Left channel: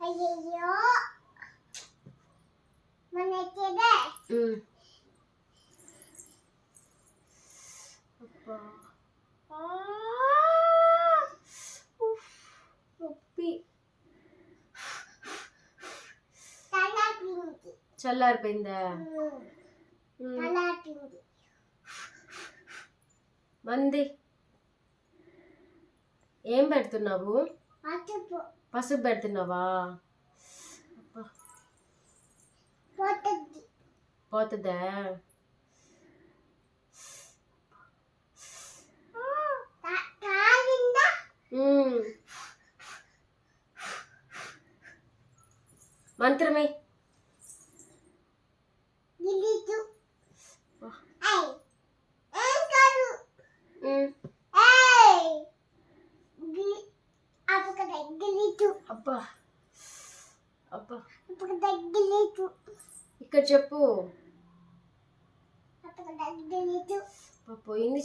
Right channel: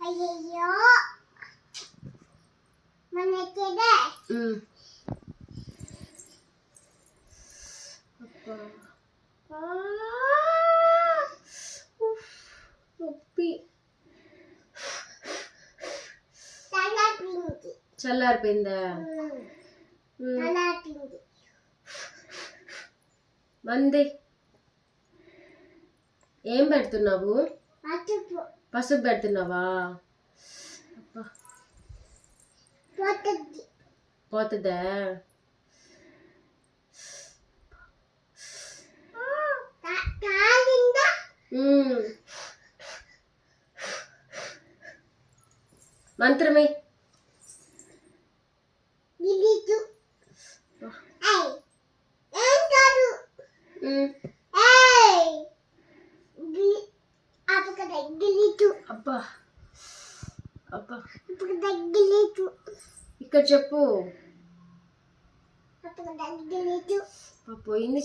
అయ్యయ్యో మనకేదే అబ్బా నొప్పి. చల్లారిపోయిందా? మంది ఏం పెడుతున్నావు? పసుపు పెడుతున్నావా? పోతుందా? మంత్రమే అబ్బా అబ్బా ఇక్కడ చెప్పు. పోయింది.